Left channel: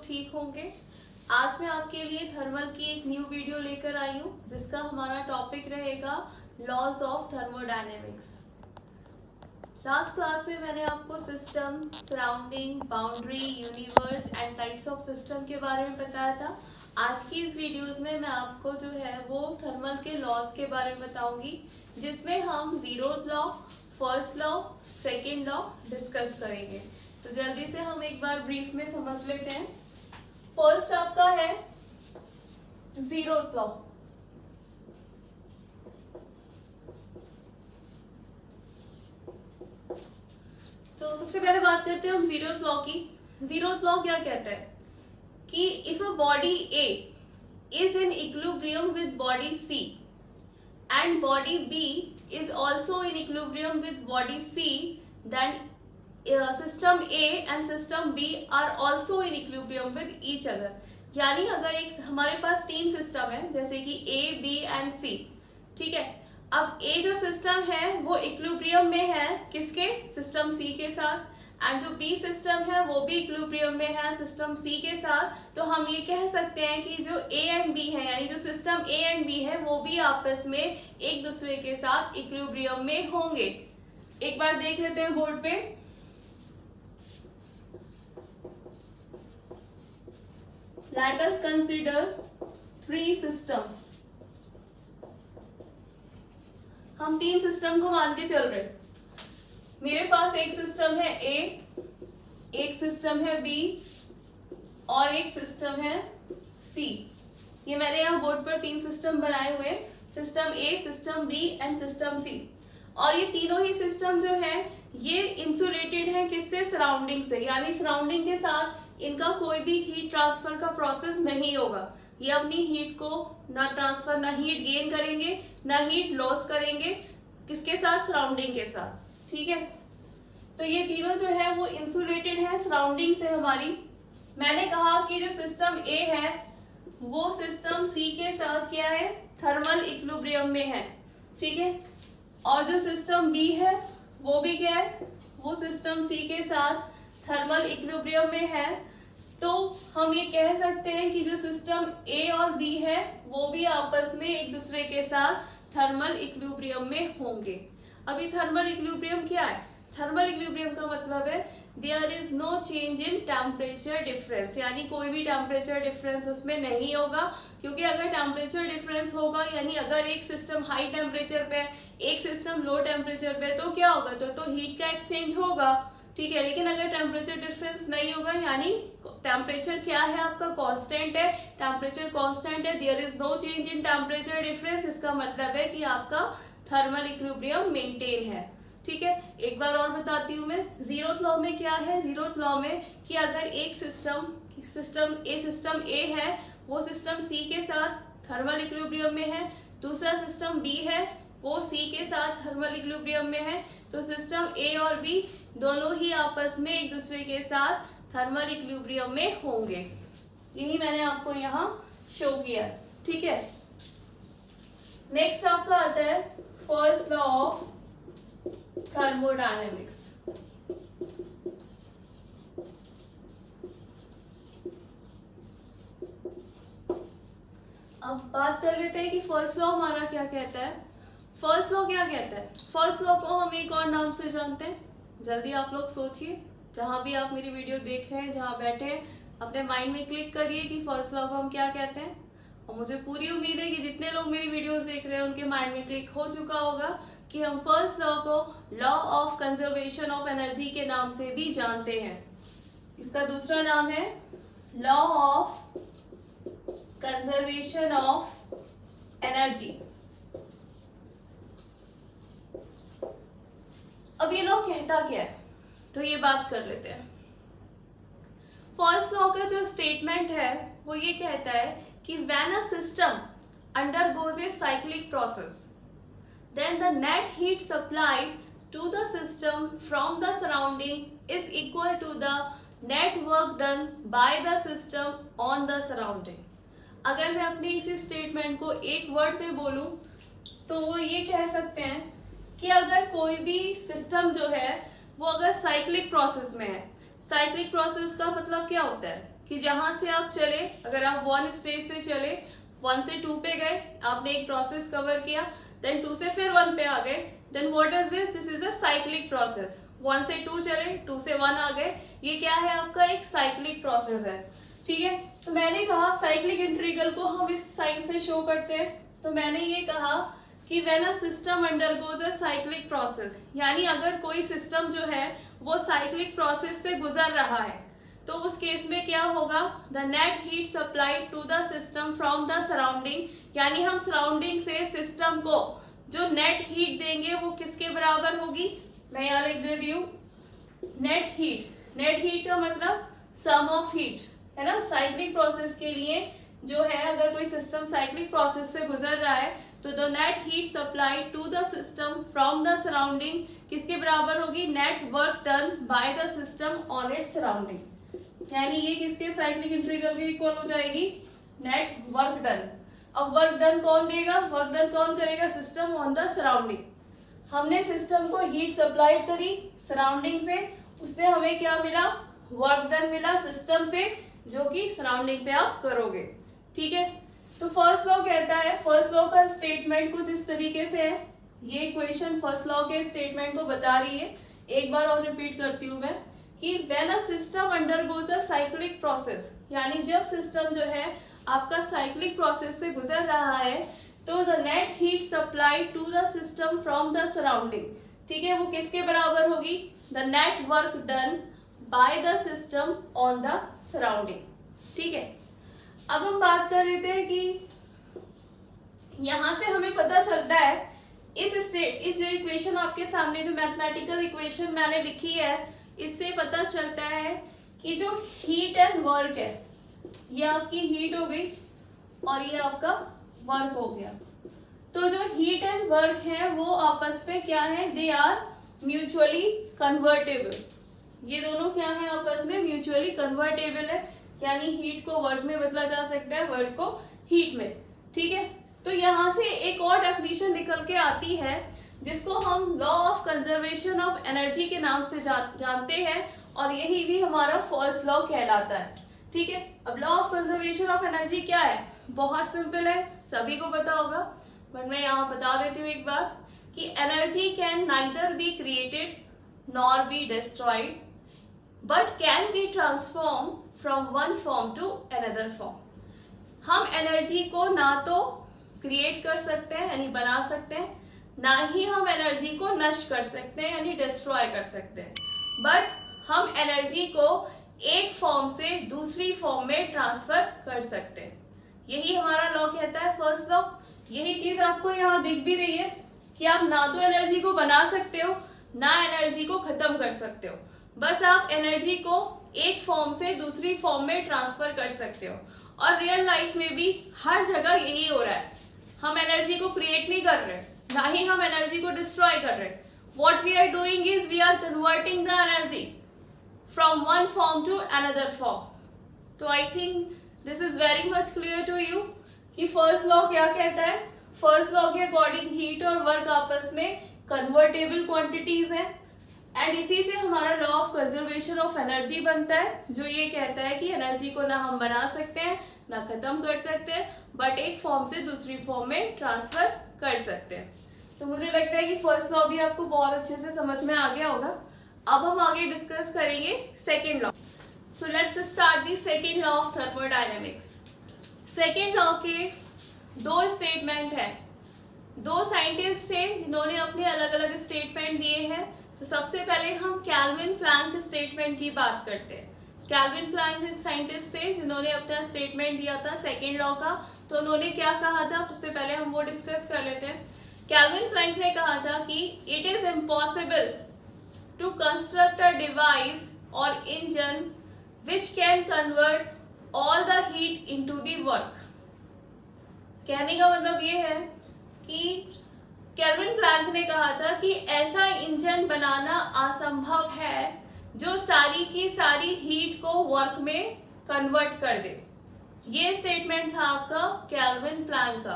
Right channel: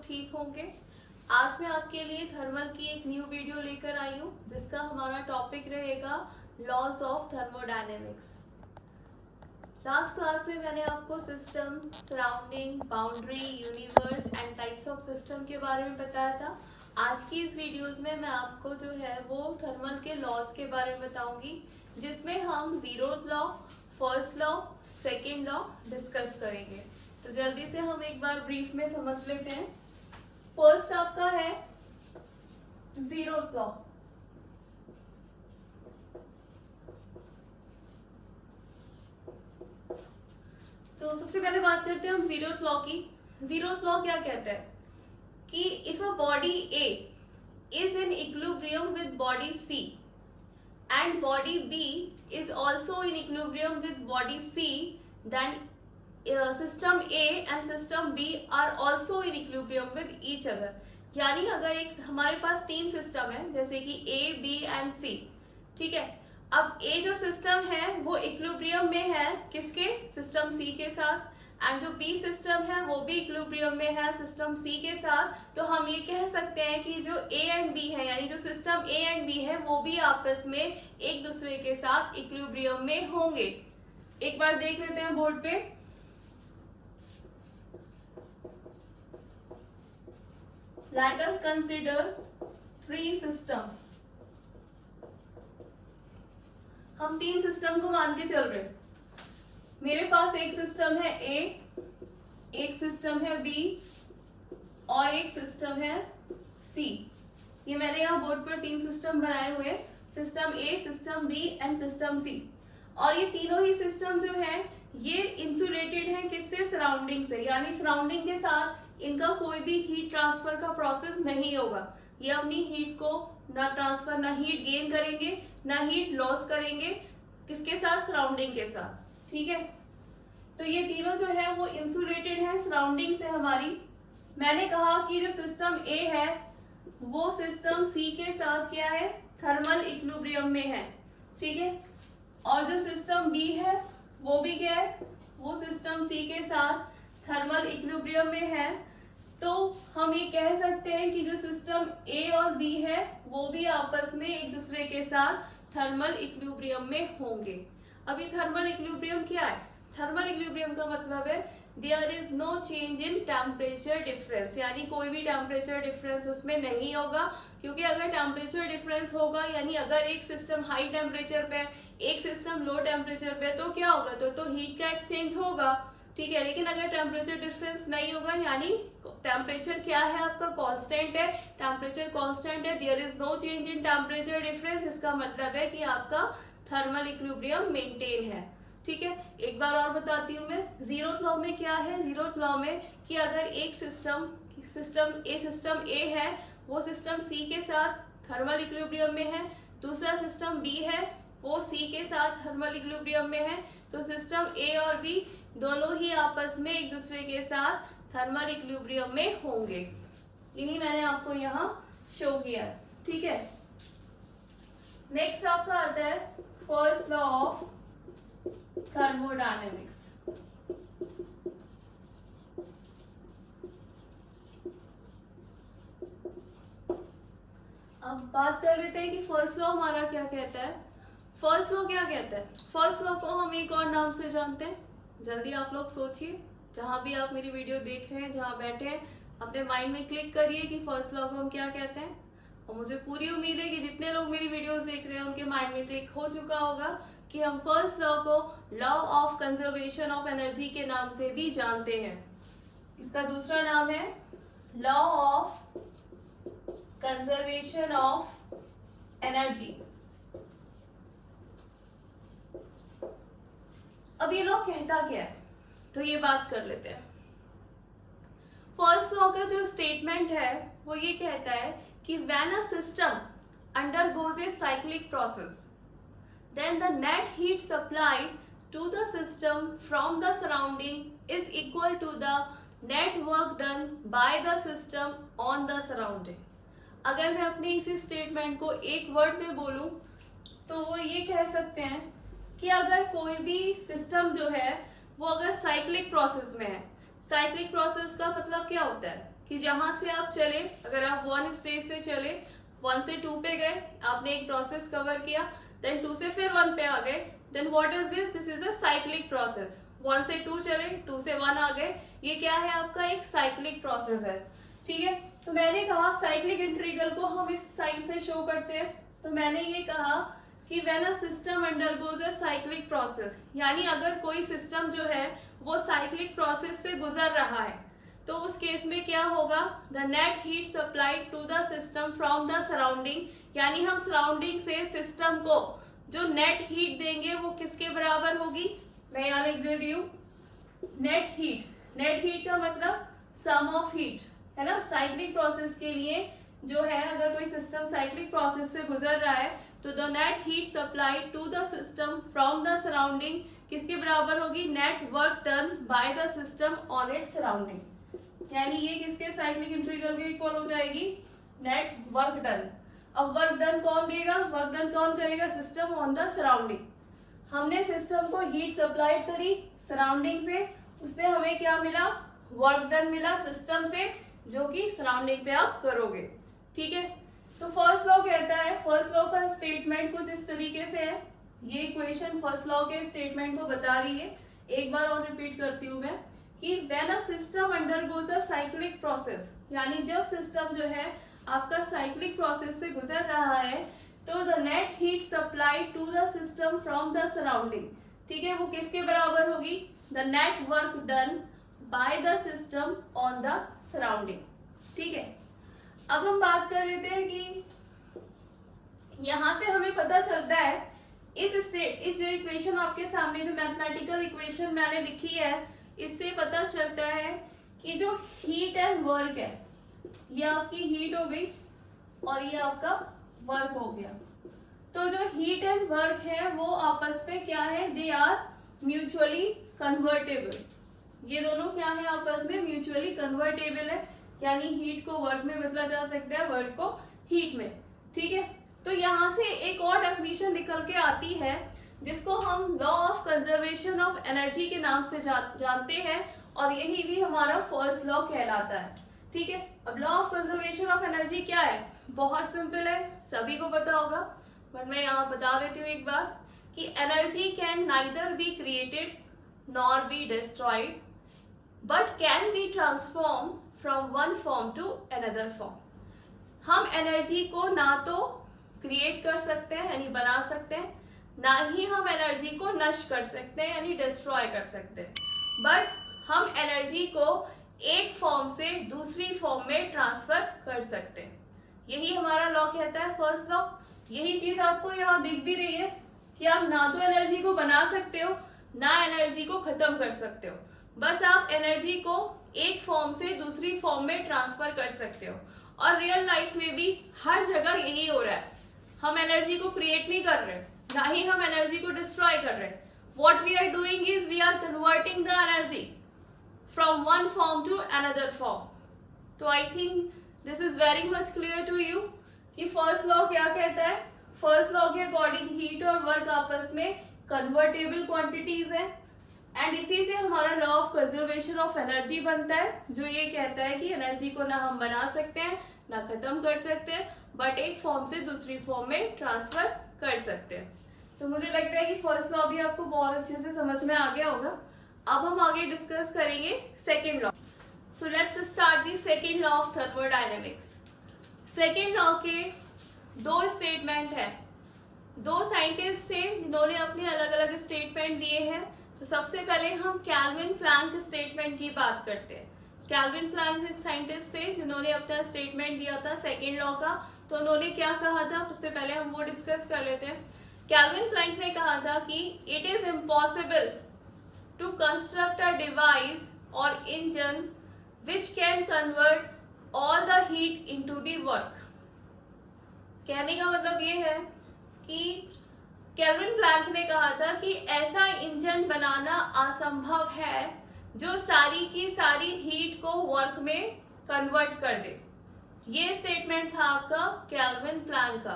लोग ठीक होंगे। आज मैं आपके लिए थर्मल की एक न्यू वीडियो लेकर आई हूँ जिसका हमारा टॉपिक रहेगा laws of thermodynamics. Last class में मैंने आपको system, surrounding, boundary, universe and types of system के बारे में बताया था। आज की इस वीडियोस में मैं आपको जो है वो थर्मल के लॉज के बारे में बताऊंगी, जिसमें हम zeroth law, first law, second law discuss करेंगे। तो जल्दी से हम एक बार ब्रीफ में समझ लेते हैं। फर्स्ट आपका है जीरोथ लॉ। तो सबसे पहले बात करते हैं हम जीरोथ लॉ की। जीरोथ लॉ क्या कहता है कि if a body A is in equilibrium with body C and body B is also in equilibrium with body C, then system A and system B are also in equilibrium with each other। यानी अगर एक हमारे पास तीन system है जैसे कि A, B and C, ठीक है। अब A जो सिस्टम है वो इक्विलिब्रियम में है किसके, सिस्टम C के साथ, एंड जो B सिस्टम है वो भी इक्विलिब्रियम में है सिस्टम C के साथ। तो हम ये कह सकते हैं कि जो A एंड B है, यानी जो सिस्टम A एंड B है वो भी आपस में एक दूसरे के साथ इक्विलिब्रियम में होंगे। एक बार देख लेते हैं बोर्ड पे। Let us consider three systems. हम तीन सिस्टम को मान के चल रहे हैं। मेरे पास एक सिस्टम है A, एक सिस्टम है B और एक सिस्टम है C। ये मैंने यहाँ बोर्ड पर तीन सिस्टम बनाए हुए, system A, system B and system C। और ये तीनों ही सिस्टम जो है ये इंसुलेटेड है किससे, सराउंडिंग से, यानी सराउंडिंग के साथ इनका कोई भी हीट ट्रांसफर का प्रोसेस नहीं होगा। ये अपनी हीट को ना ट्रांसफर, ना हीट गेन करेंगे, ना हीट लॉस करेंगे, किसके साथ, सराउंडिंग के साथ, ठीक है। तो ये तीनों जो है वो इंसुलेटेड है सराउंडिंग से हमारी। मैंने कहा कि जो सिस्टम A है वो सिस्टम C के साथ क्या है, थर्मल इक्विलिब्रियम में है, ठीक है। और जो सिस्टम B है वो भी क्या है, वो सिस्टम C के साथ थर्मल इक्विलिब्रियम में है। तो हम ये कह सकते हैं कि जो सिस्टम A और B है वो भी आपस में एक दूसरे के साथ थर्मल इक्विलिब्रियम में होंगे। अभी थर्मल इक्विलिब्रियम क्या है, थर्मल इक्विलिब्रियम का मतलब है there is no change in temperature difference, यानी कोई भी टेम्परेचर डिफरेंस उसमें नहीं होगा। क्योंकि अगर टेम्परेचर डिफरेंस होगा, यानी अगर एक सिस्टम हाई टेम्परेचर पे, एक सिस्टम लो टेम्परेचर पे, तो क्या होगा, तो हीट का एक्सचेंज होगा, ठीक है। लेकिन अगर टेम्परेचर डिफरेंस नहीं होगा, यानी टेम्परेचर क्या है आपका, कांस्टेंट है, टेम्परेचर कांस्टेंट है, there is no change in temperature difference, इसका मतलब है कि आपका थर्मल इक्विलिब्रियम मेंटेन है, ठीक है। एक बार और बताती हूँ मैं, जीरोथ लॉ में क्या है, जीरोथ लॉ में कि अगर एक सिस्टम ए है वो सिस्टम सी के साथ थर्मल इक्विलिब्रियम में है, दूसरा सिस्टम बी है वो सी के साथ थर्मल इक्विलिब्रियम में है, तो सिस्टम ए और बी दोनों ही आपस में एक दूसरे के साथ थर्मल इक्विलिब्रियम में होंगे। यही मैंने आपको यहाँ शो किया, ठीक है। नेक्स्ट आपका आता है फर्स्ट लॉ ऑफ थर्मोडायनेमिक्स। अब बात कर लेते हैं कि फर्स्ट लॉ हमारा क्या कहता है। फर्स्ट लॉ क्या कहता है, फर्स्ट लॉ को हम एक और नाम से जानते हैं। जल्दी आप लोग सोचिए, जहां भी आप मेरी वीडियो देख रहे हैं, जहां बैठे हैं, अपने माइंड में क्लिक करिए कि फर्स्ट लॉ को हम क्या कहते हैं। और मुझे पूरी उम्मीद है कि जितने लोग मेरी वीडियोस देख रहे हैं उनके माइंड में क्लिक हो चुका होगा कि हम फर्स्ट लॉ को law of conservation of energy के नाम से भी जानते हैं। इसका दूसरा नाम है law of conservation of energy. अब ये लॉ कहता क्या है, तो ये बात कर लेते हैं। फर्स्ट लॉ का जो स्टेटमेंट है वो ये कहता है कि when a system undergoes a cyclic process, then the net heat supplied to the system from the surrounding is equal to the net work done by the system on the surrounding। अगर मैं अपनी इसी statement को एक word में बोलूं तो वो ये कह सकते हैं कि अगर कोई भी सिस्टम जो है वो अगर साइक्लिक प्रोसेस में है, साइक्लिक प्रोसेस का मतलब क्या होता है कि जहां से आप चले, अगर आप 1 स्टेज से चले, 1 से 2 पे गए, आपने एक प्रोसेस कवर किया, देन 2 से फिर 1 पे आ गए, then what is this? This is a cyclic process. 1 से 2 चले, 2 से 1 आ गए, ये क्या है? आपका एक साइक्लिक प्रोसेस है। ठीक है, तो मैंने कहा साइक्लिक इंटीग्रल को हम इस साइन से शो करते हैं। तो मैंने ये कहा कि when a system undergoes a cyclic process, यानी अगर कोई सिस्टम जो है वो साइक्लिक प्रोसेस से गुजर रहा है, तो उस केस में क्या होगा? The net heat supplied to the system from the surrounding, यानी हम सराउंडिंग से सिस्टम को जो नेट हीट देंगे वो किसके बराबर होगी? मैं यहाँ लिख देती हूँ नेट हीट। नेट हीट का मतलब सम ऑफ हीट, है ना। साइक्लिक प्रोसेस के लिए जो है, अगर कोई सिस्टम साइक्लिक प्रोसेस से गुजर रहा है तो the net heat supplied to the system from the surrounding किसके बराबर होगी? Net work done by the system on its surrounding, यानी ये किसके? साइक्लिक इंटीग्रल के इक्वल हो जाएगी, नेट वर्क डन। अब वर्क डन कौन देगा? वर्क डन कौन करेगा? System on the surrounding. हमने सिस्टम को हीट सप्लाइड करी सराउंडिंग से, उससे हमें क्या मिला? वर्क डन मिला सिस्टम से, जो कि सराउंडिंग पे आप करोगे। ठीक है, तो फर्स्ट लॉ कहता है, फर्स्ट लॉ का स्टेटमेंट कुछ इस तरीके से है। ये इक्वेशन फर्स्ट लॉ के स्टेटमेंट को बता रही है। एक बार और रिपीट करती हूँ मैं कि when a system undergoes a cyclic process, यानी जब सिस्टम जो है आपका साइक्लिक प्रोसेस से गुजर रहा है, तो the net heat supply to the system from the surrounding, ठीक है, वो किसके बराबर होगी? The net work done by the system on the surrounding. ठीक है, अब हम बात कर रहे थे कि यहां से हमें पता चलता है इस जो इक्वेशन आपके सामने, जो मैथमेटिकल इक्वेशन मैंने लिखी है, इससे पता चलता है कि जो हीट एंड वर्क है, ये आपकी हीट हो गई और ये आपका वर्क हो गया। तो जो हीट एंड वर्क है वो आपस में क्या है? They are mutually convertible. ये दोनों क्या है? आपस में म्यूचुअली कन्वर्टेबल है, यानी हीट को वर्क में बदला जा सकता है, वर्क को हीट में। ठीक है, तो यहाँ से एक और डेफिनेशन निकल के आती है जिसको हम law of conservation of energy के नाम से जानते हैं, और यही भी हमारा फर्स्ट लॉ कहलाता है। ठीक है, अब law of conservation of energy क्या है? बहुत सिंपल है, सभी को पता होगा, बट मैं यहाँ बता देती हूँ एक बार कि energy can neither be created nor be destroyed but can be transform from one form to another form. हम एनर्जी को ना तो क्रिएट कर सकते हैं यानी बना सकते हैं, ना ही हम एनर्जी को नष्ट कर सकते हैं यानी डिस्ट्रॉय कर सकते हैं, बट हम एनर्जी को एक फॉर्म से दूसरी फॉर्म में ट्रांसफर कर सकते हैं। यही हमारा लॉ कहता है, फर्स्ट लॉ। यही चीज आपको यहाँ दिख भी रही है कि आप ना तो एनर्जी को बना सकते हो, ना एनर्जी को खत्म कर सकते हो, बस आप एनर्जी को एक फॉर्म से दूसरी फॉर्म में ट्रांसफर कर सकते हो। और रियल लाइफ में भी हर जगह यही हो रहा है। हम एनर्जी को क्रिएट नहीं कर रहे, ना ही हम एनर्जी को डिस्ट्रॉय कर रहे। What we are doing is we are converting the energy from one form to another form. तो I think this is very much clear to you कि फर्स्ट लॉ क्या कहता है। फर्स्ट लॉ के according heat और work आपस में convertible quantities है, एंड इसी से हमारा law of conservation of energy बनता है, जो ये कहता है कि एनर्जी को ना हम बना सकते हैं ना खत्म कर सकते हैं, बट एक फॉर्म से दूसरी फॉर्म में ट्रांसफर कर सकते हैं। तो मुझे लगता है कि फर्स्ट लॉ भी आपको बहुत अच्छे से समझ में आ गया होगा। अब हम आगे डिस्कस करेंगे second law. So let's start the second law of thermodynamics. Second law के दो स्टेटमेंट है, दो साइंटिस्ट थे जिन्होंने अपने अलग अलग स्टेटमेंट दिए हैं। तो सबसे पहले हम कैल्विन प्लैंक स्टेटमेंट की बात करते हैं। कैल्विन प्लैंक साइंटिस्ट थे जिन्होंने अपना स्टेटमेंट दिया था सेकेंड लॉ का। तो उन्होंने क्या कहा था, सबसे पहले हम वो डिस्कस कर लेते हैं। कैल्विन प्लैंक ने कहा था कि it is impossible to construct a device और engine which can convert all the heat into the work. कहने का मतलब ये है कि कैल्विन प्लैंक ने कहा था कि ऐसा इंजन बनाना असंभव है जो सारी की सारी हीट को वर्क में कन्वर्ट कर दे। ये स्टेटमेंट था आपका कैल्विन प्लैंक का।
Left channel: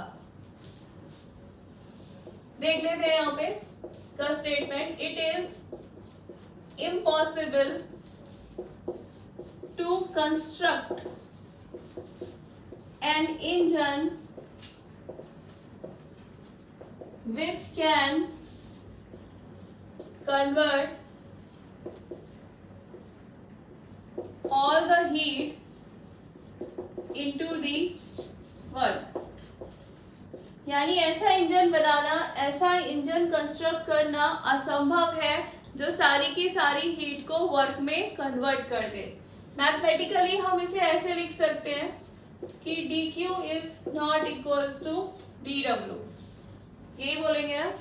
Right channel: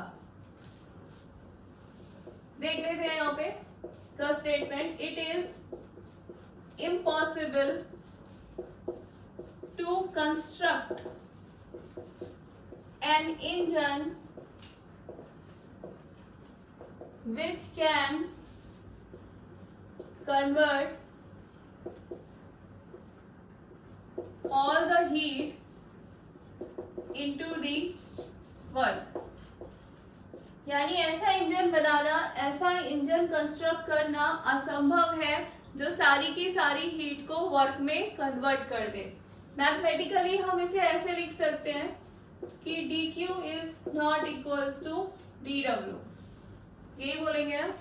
देख लेते हैं यहाँ पे का statement. It is impossible to construct an engine which can convert all the heat into the work। यानी ऐसा इंजन बनाना, ऐसा इंजन कंस्ट्रक्ट करना असंभव है जो सारी की सारी हीट को वर्क में कन्वर्ट कर दे। मैथमेटिकली हम इसे ऐसे लिख सकते हैं कि dq is not equals to dw, यही बोलेंगे ना।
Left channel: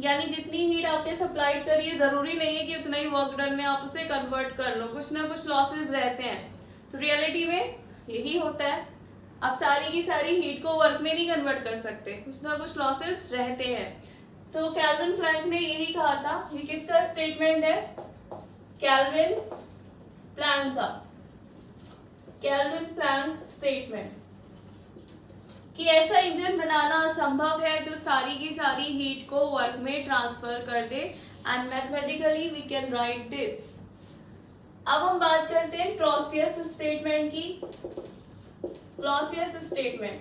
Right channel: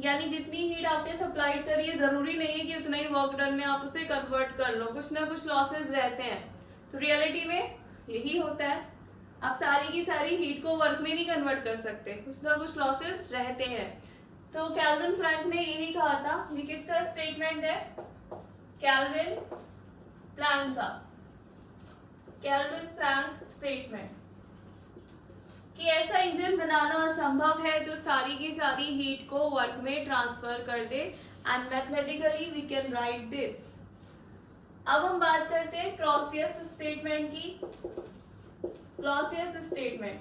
यानी जितनी हीट आपने सप्लाइड करी है जरूरी नहीं है कि उतना ही वर्क डन में आप उसे कन्वर्ट कर लो, कुछ ना कुछ लॉसेस रहते हैं। तो रियलिटी में यही होता है, आप सारी की सारी हीट को वर्क में नहीं कन्वर्ट कर सकते, कुछ ना कुछ लॉसेस रहते हैं। तो कैल्विन प्लैंक ने यही कहा था, ये किसका स्टेटमेंट है? कैल्विन प्लैंक का, कैल्विन प्लैंक स्टेटमेंट कि ऐसा इंजन बनाना असंभव है जो सारी की सारी हीट को वर्क में ट्रांसफर कर दे, and mathematically we can write this. अब हम बात करते हैं क्लॉसियस स्टेटमेंट की। क्लॉसियस स्टेटमेंट,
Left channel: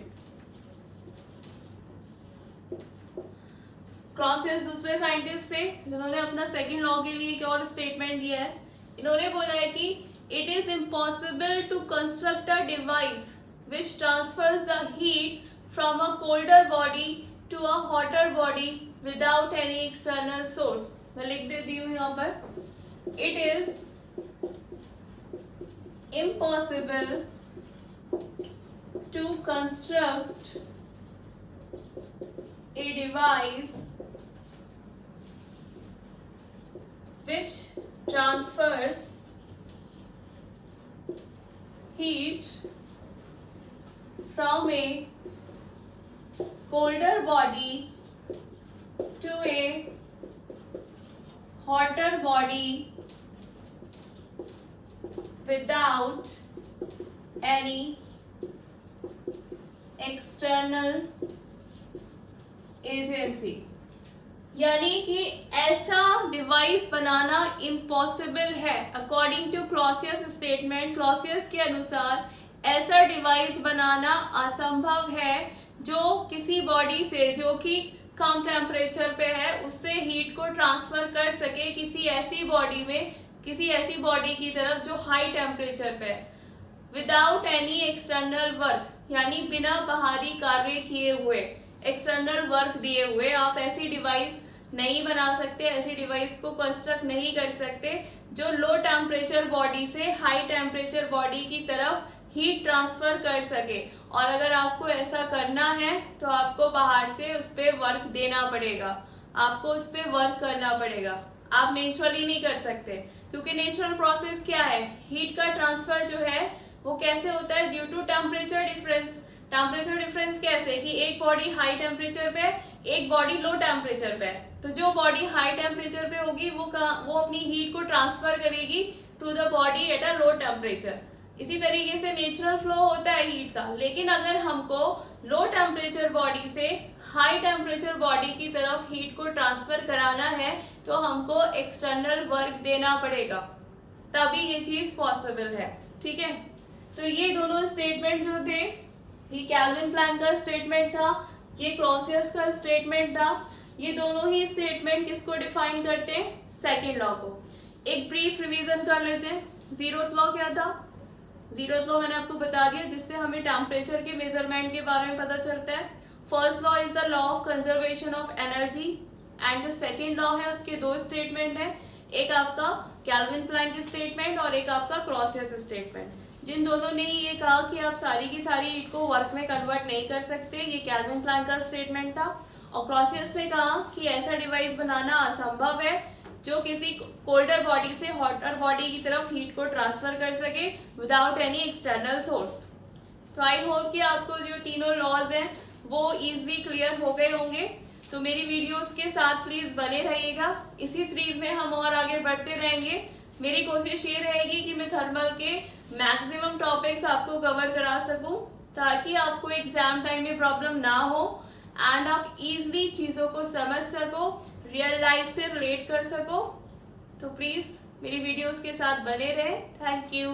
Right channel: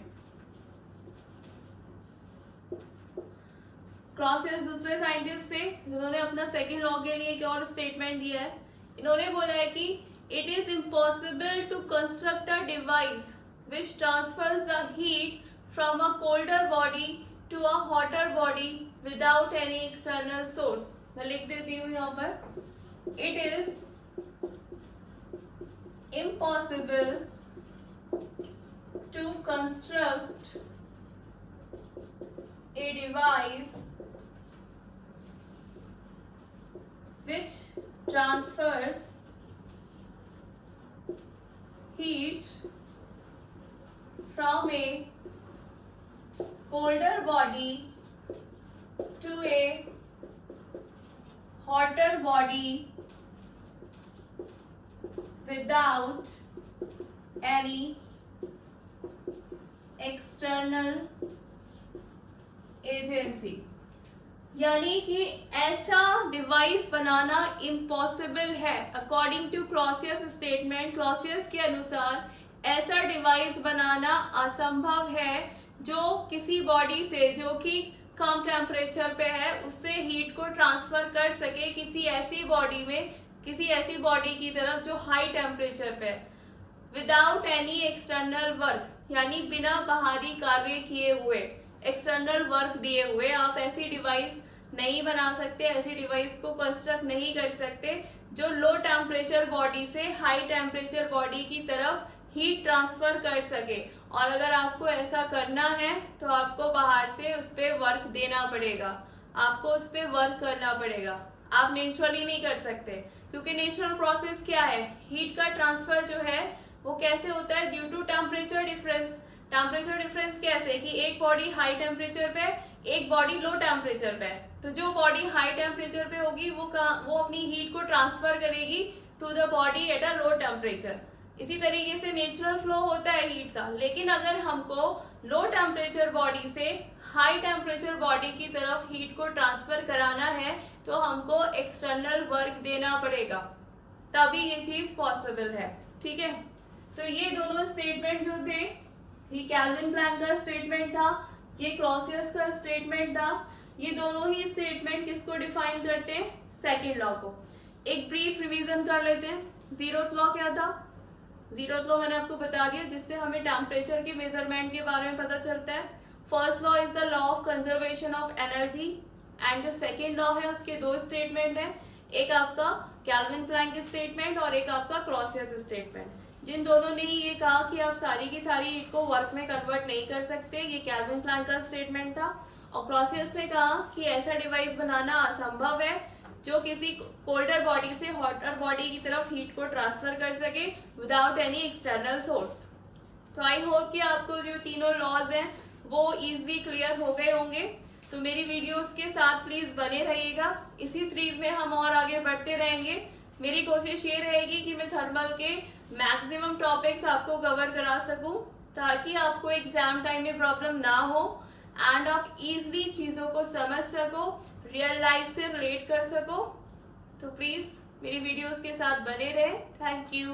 क्लॉसियस दूसरे साइंटिस्ट से जिन्होंने अपना सेकंड लॉ के लिए एक और स्टेटमेंट दिया है। इन्होंने बोला है कि it is impossible to construct a device which transfers the heat from a colder body to a hotter body without any external source। मैं लिख देती हूँ यहाँ पर, it is impossible to construct a device which transfers heat from a colder body to a hotter body without any external agency। यानी कि ऐसा device बनाना इम्पॉसिबल है according to Clausius statement. Clausius के अनुसार ऐसा डिवाइस बनाना असंभव है जो किसी बॉडी से जो कि कम टेम्परेचर पे है उससे हीट को ट्रांसफर कर सके किसी ऐसी बॉडी में, किसी ऐसी बॉडी की तरफ जो हाई टेम्परेचर पे है, विदाउट एनी एक्सटर्नल वर्क, यानी बिना बाहरी कार्य किए हुए, एक्सटर्नल वर्क दिए हुए आप ऐसी डिवाइस नहीं बना सकते, ऐसी डिवाइस को कंस्ट्रक्ट नहीं कर सकते जो लो टेम्परेचर बॉडी से हाई टेम्परेचर बॉडी की तरफ हीट ट्रांसफर कर सके। और अगर आपको ऐसा करना है तो आपको बाहर से उस पर वर्क देना पड़ेगा, आपको उस पर वर्क करना पड़ेगा, आप नेचुरली नहीं कर सकते। क्योंकि नेचुरल प्रोसेस क्या है, हीट का ट्रांसफर जो है वो कैसे होता है, due to temperature difference. Temperature difference कैसे कि एक बॉडी हाई टेम्परेचर पे, एक बॉडी लो टेम्परेचर पे, तो जो बॉडी हाई टेम्परेचर पे होगी वो अपनी हीट को ट्रांसफर करेगी to the body at a low temperature. इसी तरीके से नेचुरल फ्लो होता है हीट का। लेकिन अगर हमको लो टेम्परेचर बॉडी से हाई टेम्परेचर बॉडी की तरफ हीट को ट्रांसफर कराना है तो हमको एक्सटर्नल वर्क देना पड़ेगा, तभी ये चीज पॉसिबल है। ठीक है, तो ये दोनों स्टेटमेंट जो थे, ये कैल्विन प्लैंक का स्टेटमेंट था, ये क्लॉसियस का स्टेटमेंट था। ये दोनों ही स्टेटमेंट किसको डिफाइन करते हैं, सेकेंड लॉ को। एक ब्रीफ रिवीजन कर लेते हैं। जीरोथ लॉ क्या था, जीरोथ लॉ मैंने आपको बता दिया जिससे हमें टेम्परेचर के मेजरमेंट के बारे में पता चलता है। First law is the law of conservation of energy, and जो सेकेंड लॉ है उसके दो स्टेटमेंट है, एक आपका कैल्विन प्लैंक स्टेटमेंट और एक आपका क्लॉसियस स्टेटमेंट, जिन दोनों ने ही ये कहा कि आप सारी की सारी हीट को वर्क में कन्वर्ट नहीं कर सकते। ये कैल्विन प्लैंक का स्टेटमेंट था। और क्लॉसियस ने कहा कि ऐसा डिवाइस बनाना असंभव है जो किसी कोल्डर बॉडी से हॉटर बॉडी की तरफ हीट को ट्रांसफर कर सके विदाउट एनी एक्सटर्नल सोर्स। तो आई होप कि आपको जो तीनों लॉज हैं वो इजीली क्लियर हो गए होंगे। तो मेरी वीडियोस के साथ प्लीज बने रहिएगा, इसी सीरीज में हम और आगे बढ़ते रहेंगे। मेरी कोशिश ये रहेगी कि मैं थर्मल के मैक्सिमम टॉपिक्स आपको कवर करा सकूं ताकि आपको एग्जाम टाइम में प्रॉब्लम ना हो एंड आप इजीली चीजों को समझ सको, रियल लाइफ से रिलेट कर सको। तो प्लीज मेरी वीडियोस के साथ बने रहे। Thank you.